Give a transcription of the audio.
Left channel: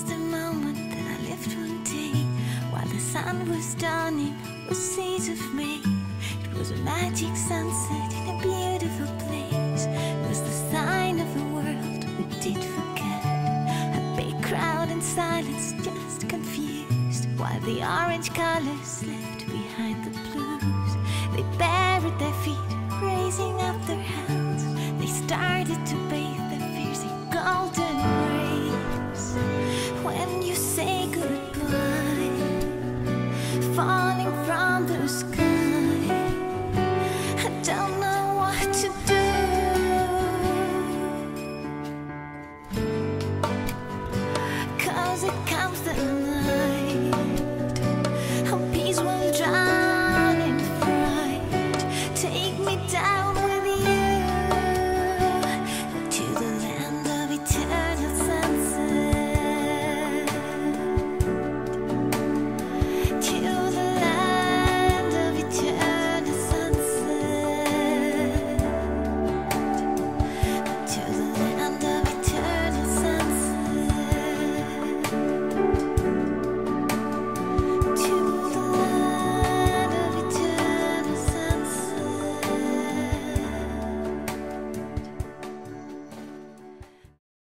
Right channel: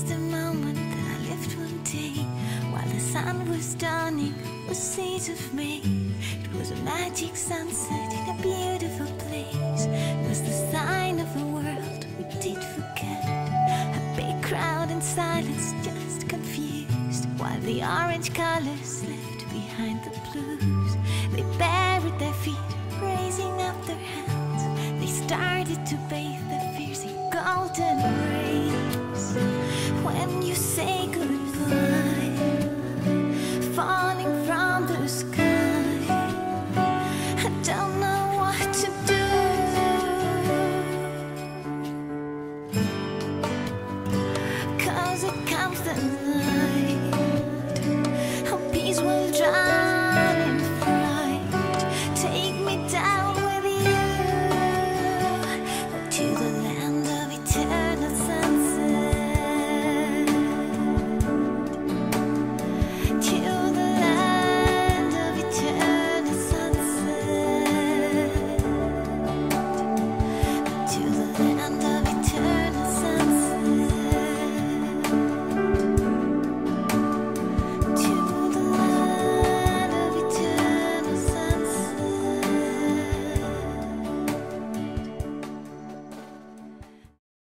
just a moment that I lived one day, while the sun was dawning with seeds of May. It was a magic sunset in a beautiful place. It was the sign of a world we did forget. A big crowd in silence, just confused, while the orange colors left behind the blues. They buried their feet, raising up their hands. They started to bathe their fears in golden rays. When you say goodbye, falling from the sky, I don't know what to do. 'Cause it comes the night